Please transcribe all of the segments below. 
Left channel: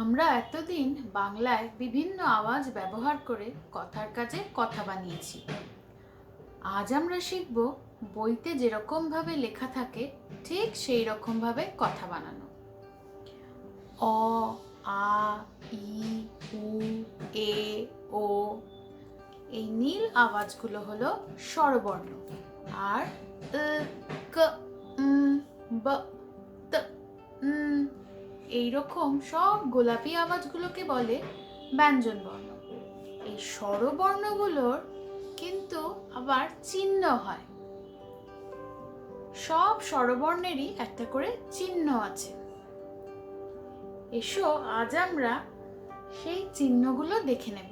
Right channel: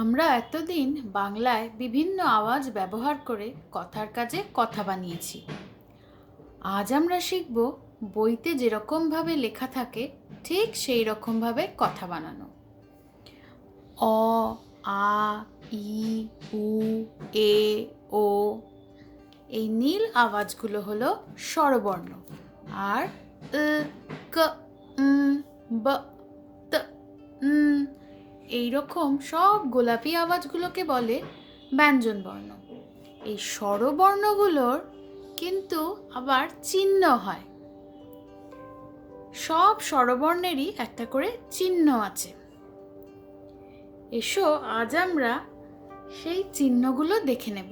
আমরা এতদিন বাংলায় বিভিন্ন আওয়াজ ব্যবহার করে কথার কাজে কথা বানিয়েছি। আজ আমরা শিখব বইতে যেরকমভাবে লেখা থাকে ঠিক সেই রকমভাবে কথা বানানো। অ, আ, ই, উ, এ, ও। এই নীল আওয়াজগুলো হলো স্বরবর্ণ। আর ক, ব, ত, এইরকম সব গোলাপি আওয়াজগুলোকে বলে ব্যঞ্জনবর্ণ। এই স্বরবর্ণগুলোর কিন্তু আবার চিহ্ন হয়। সব স্বরবর্ণেরই একটা করে চিহ্ন আছে। এসো আজ আমরা সেই চিহ্নগুলো দেখে নেব।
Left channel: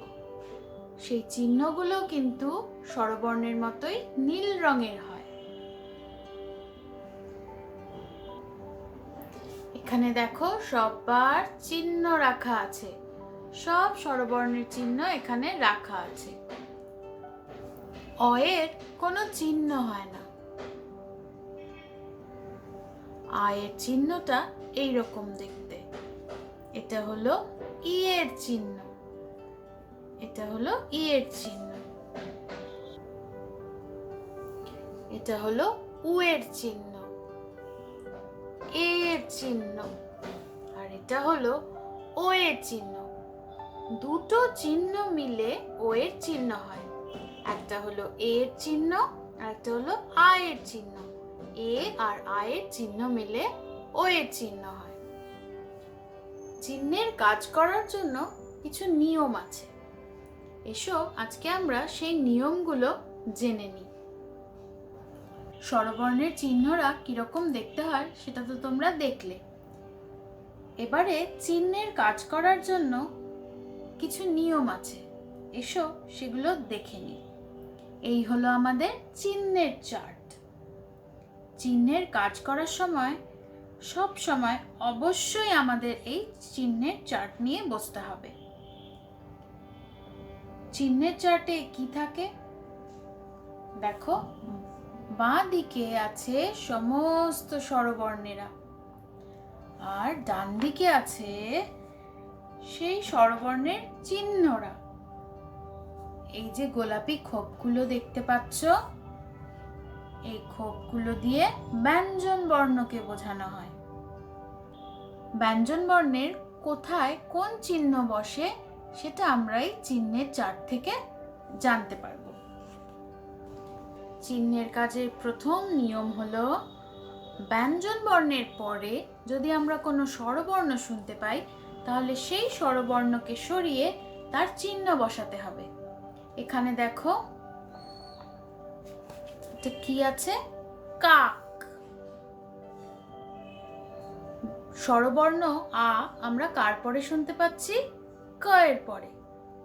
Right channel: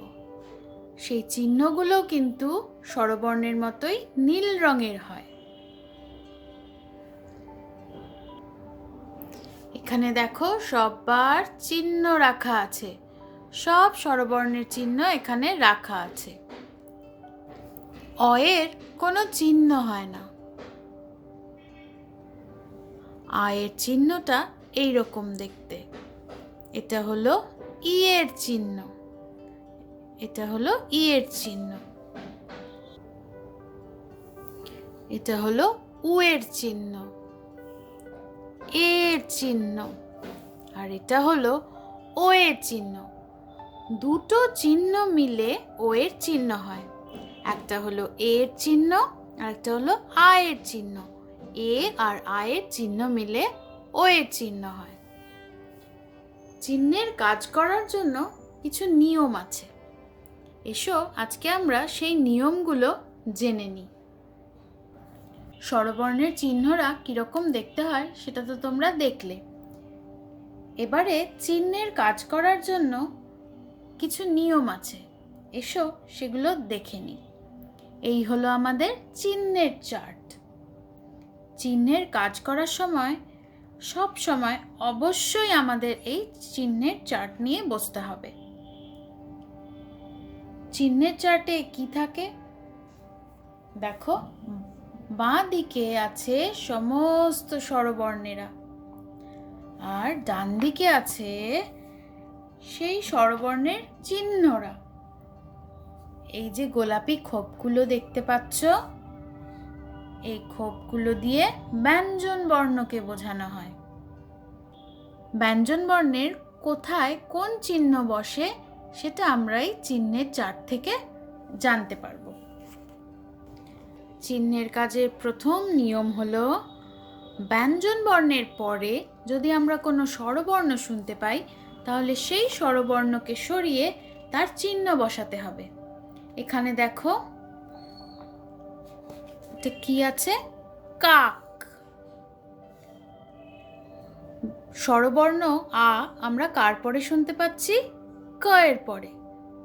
সেই চিহ্নগুলো কিন্তু স্বরবর্ণের মতোই নীল রঙের হয়। এখানে দেখো সববার চিহ্ন রাখা আছে। সব স্বরবর্ণের চিহ্ন এখানে রাখা আছে। অ এর কোনো চিহ্ন হয় না। আ এর চিহ্নটা এইরকম দেখতে। এটা হলো ই এর চিহ্ন। এটা হলো ই এর চিহ্ন। এটা হলো উ এর চিহ্ন, এ এর চিহ্ন। আর এটা হলো ও এর চিহ্ন। দুটো চিহ্ন মিলে ও এর চিহ্ন হয়। একটা হলো এ এর চিহ্ন আর একটা হলো আ এর চিহ্ন। এ আর আ এর চিহ্ন মিলে ও এর চিহ্ন হয়। চিহ্নের কাজ করার জন্য কিছু নিয়ম আছে। এসো আজকে আমরা সেই নিয়মগুলো জেনে নিই। স্বরবর্ণের চিহ্নরা কিরকম দেখতে হয় সেটা তো তোমরা দেখলে। এবারে চিহ্নের কাজ করার জন্য কিছু নিয়ম আছে। এসো সেগুলো দেখে নিই। এই হলো আমাদের চিহ্নের চার্ট। চিহ্নের কাজ করার সময় সব সময় অবশ্যই আমাদের এই চিহ্নের চার্ট নিয়ে বসতে হবে। চিহ্নের চার্টে কি থাকে দেখো, বাঁ দিকে আছে সমস্ত স্বরবর্ণেরা আর ডান দিকে আছে সেই স্বরবর্ণের চিহ্নরা। এই যে গোলাপি খোপগুলো দেখতে পাচ্ছ, এই খোপগুলো দিয়ে ব্যঞ্জন বর্ণকে বোঝানো হয়। ব্যঞ্জন বর্ণের কোথায় কোন চিহ্ন বসে সেটা আমরা এই চিহ্নের চার্ট থেকে জানতে পারবো। চিহ্নের কাজের প্রথম নিয়ম হলো ব্যঞ্জন বর্ণের পরে যদি আমরা কোনো স্বরবর্ণ শুনতে পাই তাহলে সেই স্বরবর্ণকে সরিয়ে তার চিহ্ন বসাতে হবে। এখানে দেখো এটা কি আছে, কাক। স্বরবর্ণ আ আমরা কার পরে শুনতে পাচ্ছি? ক এর পরে।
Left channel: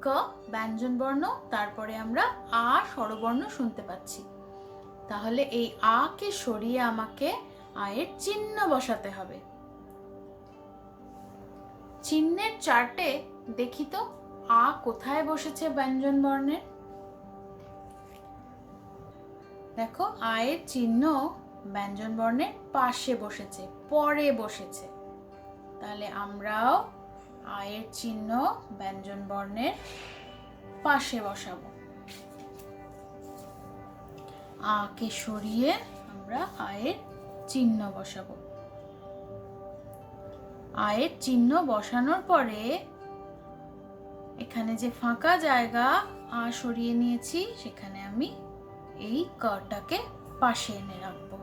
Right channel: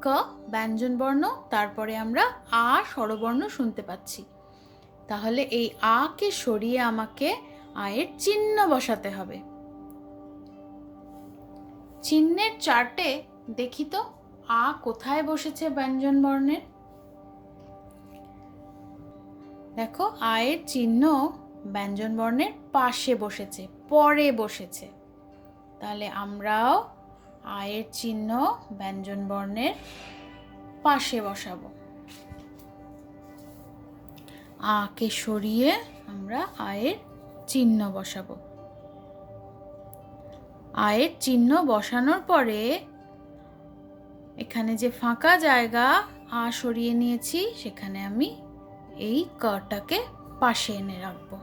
ক ব্যঞ্জন বর্ণ, তারপরে আমরা আ স্বরবর্ণ শুনতে পাচ্ছি। তাহলে এই আ কে সরিয়ে আমাকে আয়ের চিহ্ন বসাতে হবে। চিহ্নের চার্টে দেখি তো আ কোথায় বসেছে ব্যঞ্জন বর্ণের। দেখো আয়ের চিহ্ন ব্যঞ্জন বর্ণের পাশে বসেছে, পরে বসেছে। তাহলে আমরাও আয়ের চিহ্ন ব্যঞ্জন বর্ণের পাশে বসাবো। আ কে সরিয়ে আমরা আয়ের চিহ্ন বসাবো। আয়ের চিহ্ন বসানোর পরে এখানে যে ফাঁকা জায়গা আ সরিয়ে নিয়েছি সেখানে আমি এই কটাকে পাশে এনে রাখবো।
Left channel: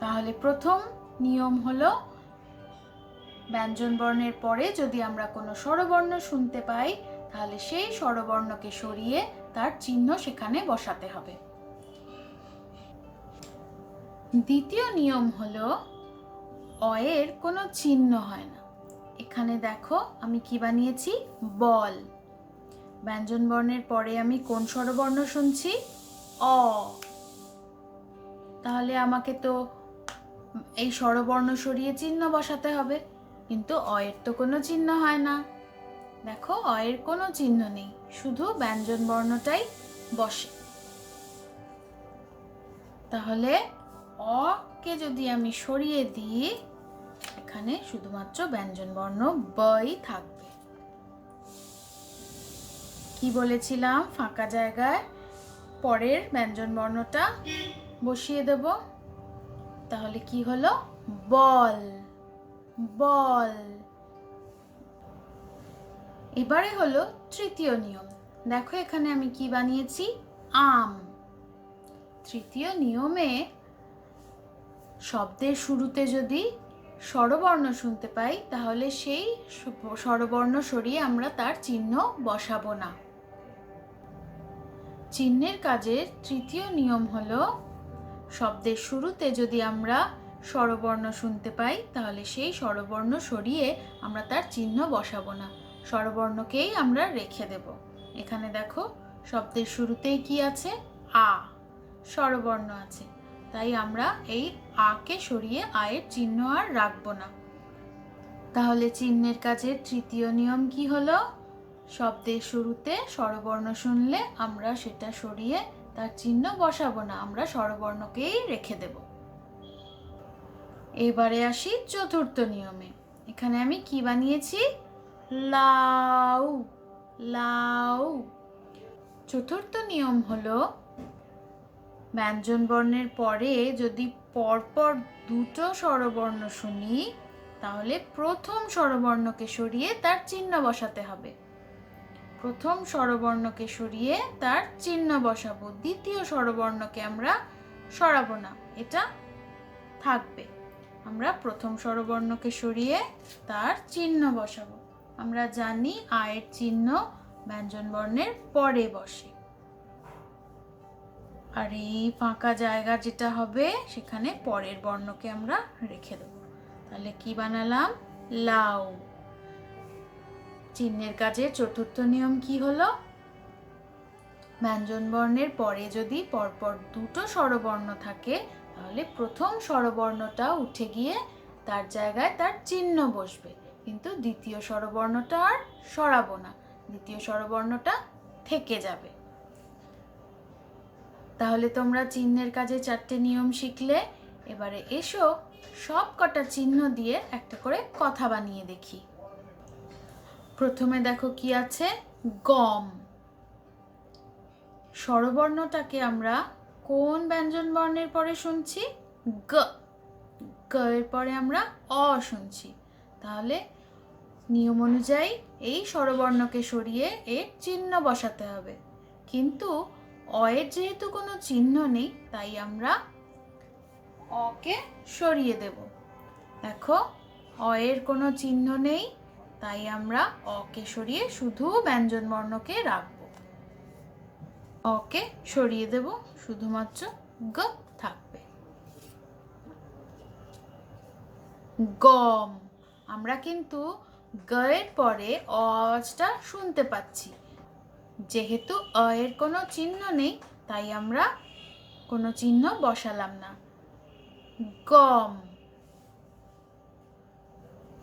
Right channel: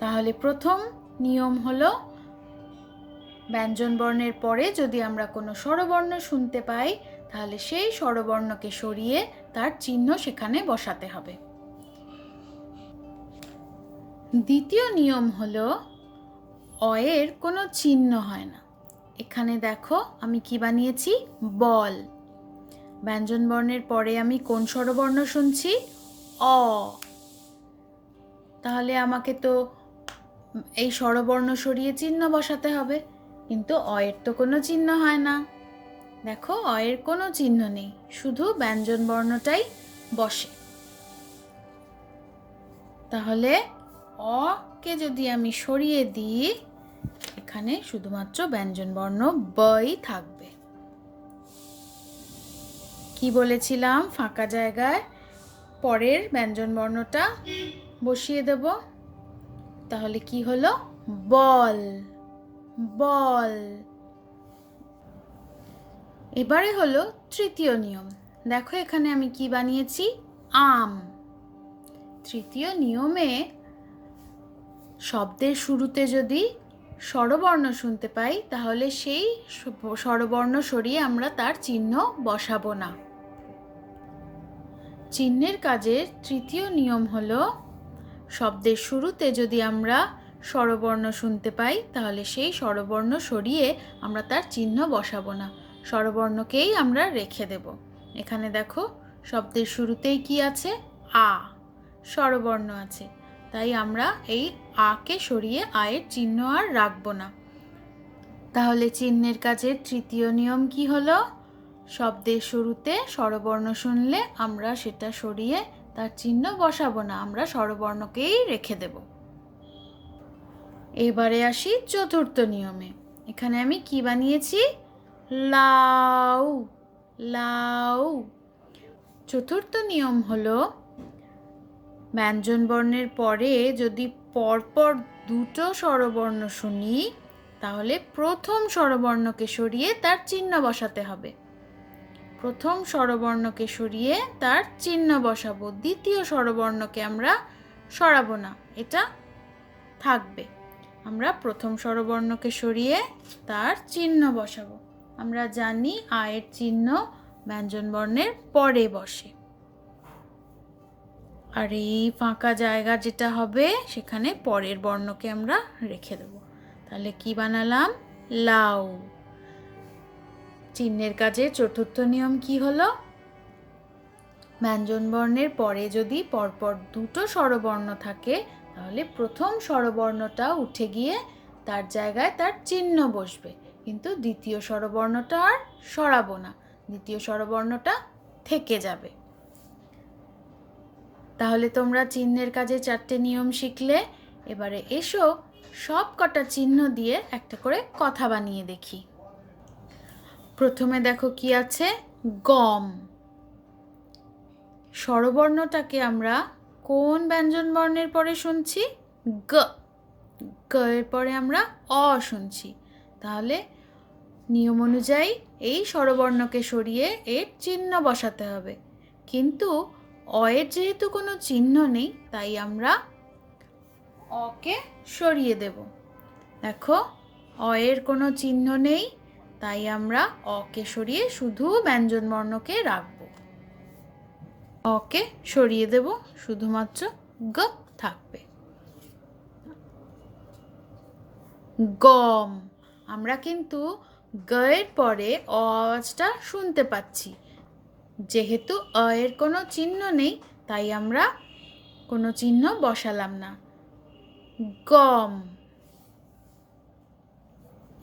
তাহলে প্রথম নিয়ম হলো ব্যঞ্জন বর্ণের পরে যদি আমরা কোনো স্বরবর্ণ শুনতে পাই তাহলে সেই স্বরবর্ণকে সরিয়ে তার চিহ্ন সেখানে বসাতে হবে। দ্বিতীয় নিয়ম হলো অ এর কোনো চিহ্ন হয় না। এখানে দেখো আমি কি বানিয়েছি, বল। ব্যঞ্জন বর্ণের পরে আমি কোন স্বরবর্ণ শুনছি? অ। তাহলে আমাকে তো এই স্বরবর্ণ সরিয়ে চিহ্ন বসাতে হবে, কিন্তু অ এর তো কোনো চিহ্ন হয় না। দেখো অ এর কোনো চিহ্ন নেই, শুধু ব্যঞ্জন বর্ণটাই বসে। তাহলে অ কে যদি আমি সরিয়ে দিই, এখানে শুধুমাত্র ব্যঞ্জন বর্ণ বই থাকবে। কি বলেছিলাম, ফাঁকা জায়গায় পরের ব্যঞ্জন বর্ণটা বসিয়ে দেব। তাহলে কি হলো? বল, বল। এবারে হলো তৃতীয় নিয়ম। দেখো এখানে আমি কি বানিয়েছি, আম। তৃতীয় নিয়মে শব্দের শুরুতে যদি স্বরবর্ণ শুনতে পাই, তাহলে সেই স্বরবর্ণ সরিয়ে আমরা তার চিহ্ন বসাবো না। চিহ্নের কাজের তৃতীয় নিয়ম হলো, শব্দের শুরুতে যদি আমরা স্বরবর্ণ শুনতে পাই, তাহলে সেই স্বরবর্ণ সরিয়ে আমরা তার চিহ্ন বসাবো না, স্বরবর্ণকেই আমরা রেখে দেব। এখানে দেখো শব্দের শুরুতেই কি আছে, আ, স্বরবর্ণ আছে, তাই আমরা এই আ কে সরিয়ে আয়ের চিহ্ন আর রাখবো না। তাহলে চিহ্নের কাজের তৃতীয় নিয়ম কি হলো, শব্দের শুরুতে স্বরবর্ণ শুনলে আমরা সেটা সরিয়ে তার চিহ্ন বসাবো না, আমরা স্বরবর্ণকেই রেখে দেব। এবারে আসি চতুর্থ নিয়মে। এখানে আমি কি বানিয়েছি, লাউ, লাউ। চতুর্থ নিয়ম হলো, ব্যঞ্জন বর্ণের পরে যদি পরপর দুটো স্বরবর্ণ শুনি, তাহলে প্রথম স্বরবর্ণকে সরিয়ে তার চিহ্ন বসাতে হবে। প্রথম স্বরবর্ণকে সরিয়ে তার চিহ্ন বসাবো, দ্বিতীয় স্বরবর্ণকে আমরা সরাবো না, এটা থাকবে। আমরা প্রথম স্বরবর্ণকে সরিয়ে তার চিহ্ন বসাবো। আমরা জানি আয়ের চিহ্ন ব্যঞ্জন বর্ণের পরে বসে। আর এই ফাঁকা জায়গা যেটা হবে, সেখানে পরের বর্ণকে আমরা রেখে দেব। তাহলে কি বানালাম, লাউ। চিহ্নের কাজে চতুর্থ নিয়ম কি হলো, ব্যঞ্জন বর্ণের পরে যদি পরপর দুটো স্বরবর্ণ থাকে, তাহলে প্রথম স্বরবর্ণটা উঠে গিয়ে তার জায়গায় তার চিহ্ন বসবে, কিন্তু দ্বিতীয় স্বরবর্ণটা আর সরাবো না, দ্বিতীয় স্বরবর্ণটা থেকে যাবে। তাহলে তোমরা চিহ্নের কাজে 4টে নিয়ম শিখলে। এবারে এসো সব কটা চিহ্ন দিয়ে একটা করে কথা বানিয়ে দেখি। প্রথমে দেখো কি আছে, গম। স্বরবর্ণটাকে আমরা কোন ব্যঞ্জন বর্ণের পরে শুনছি, গ। গ এর পরে আমরা অ শুনছি। তাহলে নিয়ম অনুযায়ী এই স্বরবর্ণকে সরিয়ে এর চিহ্ন বসাতে হবে, কিন্তু অ এর যেহেতু কোনো চিহ্ন নেই, তাই আমরা অ কে সরিয়ে দেব। দেখো অ এর কোনো চিহ্ন নেই, তাই আমরা অ কে সরিয়ে শুধু ব্যঞ্জন বর্ণকে রাখবো। অ কে সরিয়ে দেব, শুধুমাত্র গ থাকবে। গম। আমরা কিন্তু গ এর পরে অ আওয়াজটা শুনতে পাচ্ছি, যেহেতু অ এর কোনো চিহ্ন নেই, তাই আমরা কোনো চিহ্ন বসালাম না, গম।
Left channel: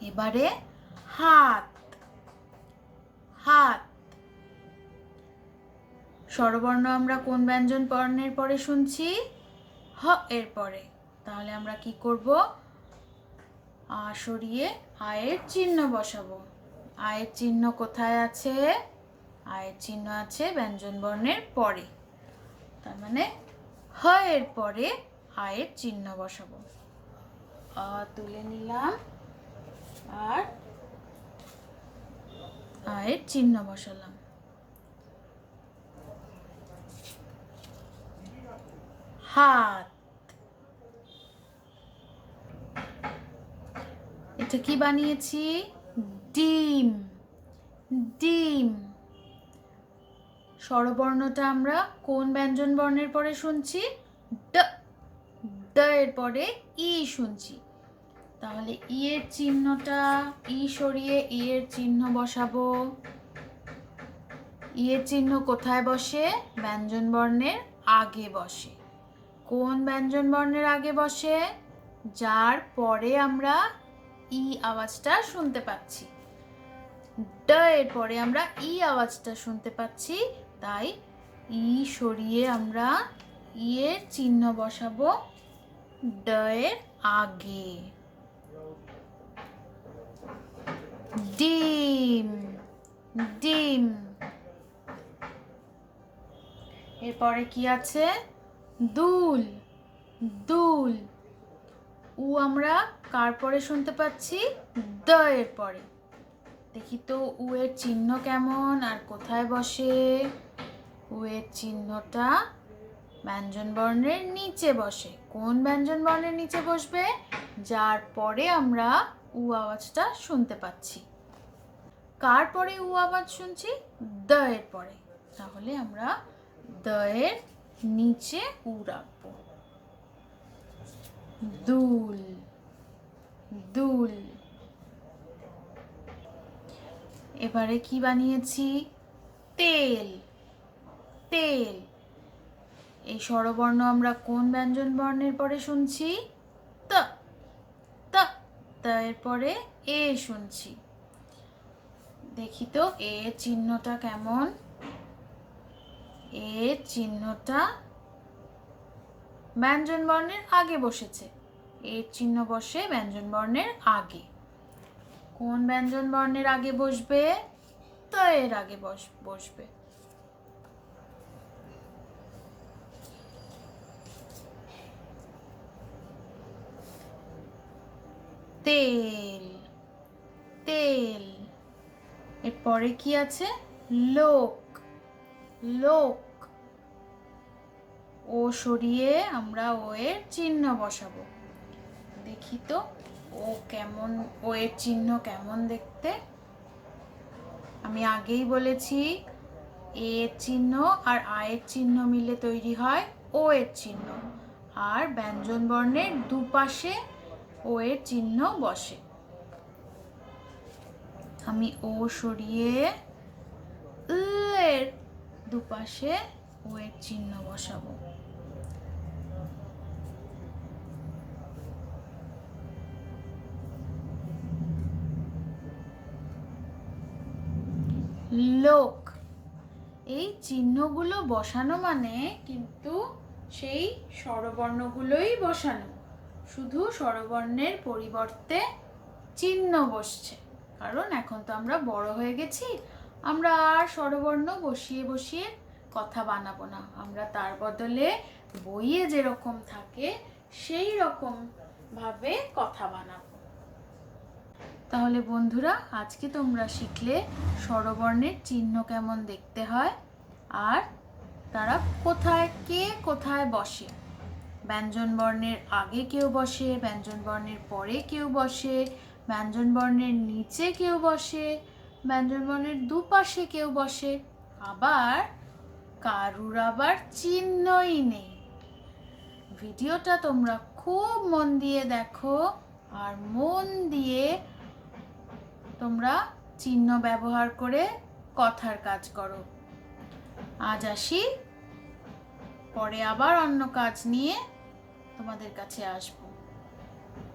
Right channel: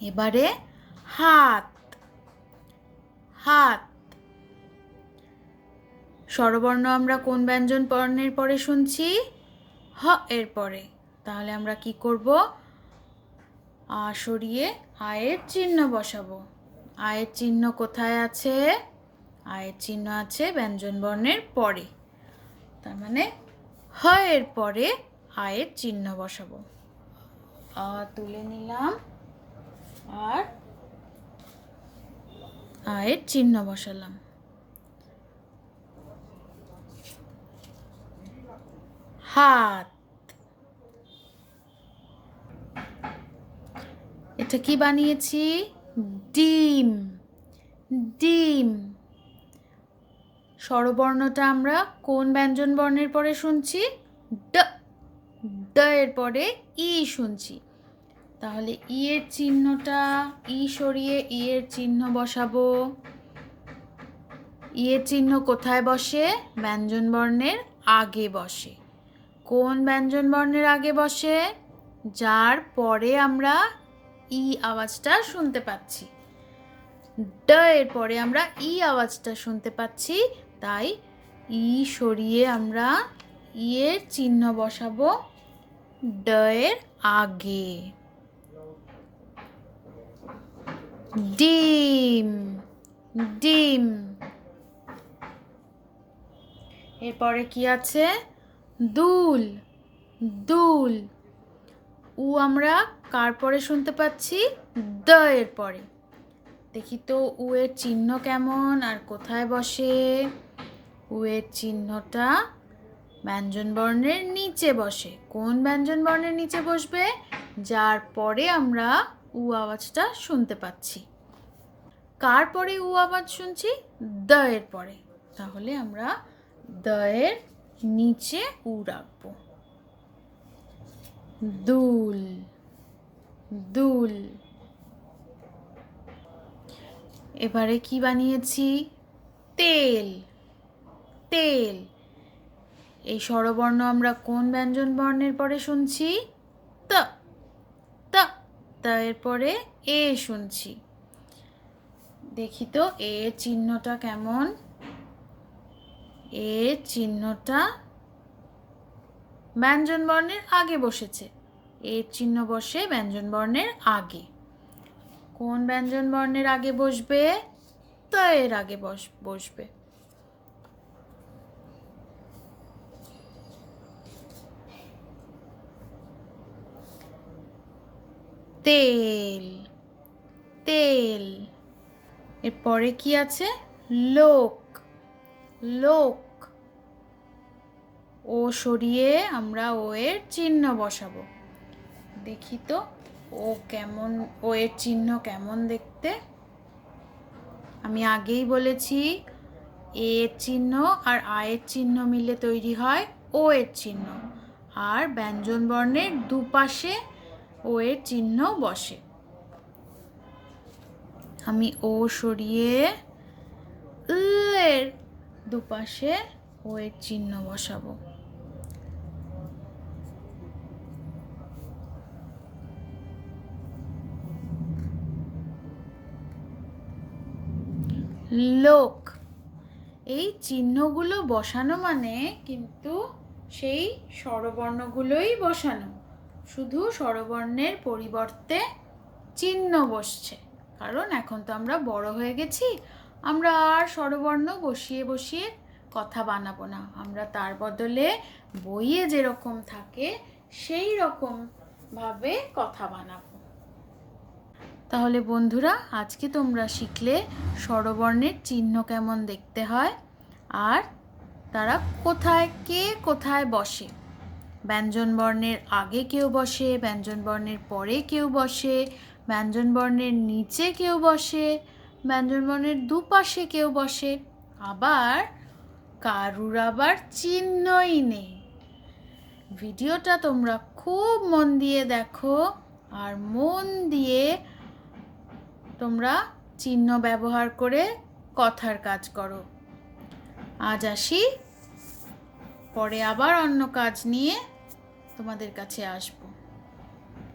এবারে হাত, হাত। স্বরবর্ণ আমরা কোন ব্যঞ্জন বর্ণের পরে শুনছি, হ এর পরে। তাহলে আমরা কি করব, আ সরিয়ে আয়ের চিহ্ন বসাবো। আয়ের চিহ্ন কোথায় আছে, আয়ের চিহ্ন আছে ব্যঞ্জন বর্ণের পরে, তার মানে হ এর পরে আয়ের চিহ্ন বসাবো। আ তুলে নিলাম আর আয়ের চিহ্ন বসালাম। হাত। এটা কি বানিয়েছি, ডিম, ডিম। স্বরবর্ণটা আমরা কোন ব্যঞ্জন বর্ণের পরে শুনছি, ড। ড এর পরে ই শুনছি, তাহলে ই এর চিহ্নটা, ই সরিয়ে ই এর চিহ্ন বসাবো। ই এর চিহ্ন কোথায় বসে, ব্যঞ্জন বর্ণের আগে বসে। কোন ব্যঞ্জন বর্ণের আগে বসে, যার পরে আমরা ই আওয়াজটা শুনতে পাচ্ছি। ড এর পরে আমরা ই আওয়াজটা শুনতে পাচ্ছি, তাই ই সরিয়ে আমরা ই এর চিহ্ন বসাবো ড এর আগে। ডিম, ডিম। এরপরে কি আছে? দুল, দুল। উ আমরা কার পরে শুনতে পাচ্ছি? দ এর পরে। দেখি তো উ এর চিহ্ন কেমন আর কোথায় বসে? উ এর চিহ্নটা ব্যঞ্জন বর্ণের নিচে বসে। কোন ব্যঞ্জন বর্ণের নিচে বসবে? যার পরে আমরা উ আওয়াজটা শুনতে পাচ্ছি। কার পরে উ আওয়াজ শুনছি? দ এর পরে। তাহলে আমরা দ এর নিচে উ রাখবো। দুল, দুল। এবারে কি বানিয়েছি? তেল, তেল। এই স্বরবর্ণ আমরা কোন ব্যঞ্জন বর্ণের পরে শুনছি? ত, ত। ত এর পরে এ শুনছি। দেখি তো এর চিহ্নটা কেমন? এর চিহ্নটা ব্যঞ্জন বর্ণের আগে বসেছে। এর চিহ্ন বসে ব্যঞ্জন বর্ণের আগে। কোন ব্যঞ্জন বর্ণের আগে বসবে? ত এর আগে বসবে। তেল, তেল। এরপরে কি আছে? লোক, লোক। ও সরিয়ে আমরা ও এর চিহ্ন বসাবো। দেখি তো ও কেমন, ও এর চিহ্ন কেমন দেখতে। আমি আগেই বলেছি এ এর চিহ্ন আর আ এর চিহ্ন মিলে তৈরি হয় ও এর চিহ্ন। আর ব্যঞ্জন বর্ণের দুপাশে ও এর চিহ্ন বসে। আমি ও সরিয়ে এর দুপাশে ও এর চিহ্ন বসাবো। লোক। এই চিহ্নগুলো বসানো মানে কিন্তু সেই স্বরবর্ণগুলোই বসানো, শুধু স্বরবর্ণের পরিবর্তে চিহ্ন বসছে। কারণ এখন তো আমরা বড় হয়ে গেছি, আমরা আর স্বরবর্ণ বসিয়ে বসিয়ে কথা বানাবো না। আমরা তার বদলে বইয়ে যেরকম থাকে সেই রকম ভাবে কথা বানাবো। তাহলে বন্ধুরা, আজকে তোমরা শিখলে স্বরবর্ণের চিহ্ন কেমন দেখতে হয় আর তারা কোথায়, কে কোথায় বসে। ব্যঞ্জন বর্ণের আগে কেউ বসে, ব্যঞ্জন বর্ণের পরে কেউ বসে, ব্যঞ্জন বর্ণের নিচে কেউ বসে, ব্যঞ্জন বর্ণের দুপাশে কেউ বসে, আবার কারুর আবার চিহ্নই নেই। ভিডিওটা তোমরা খুব মন দিয়ে দেখো আর মন দিয়ে তোমরা চিহ্ন ব্যবহার করে কথার কাজ করো। আজ আসি, পরে আবার অন্য কাজ নিয়ে তোমাদের কাছে আসবো।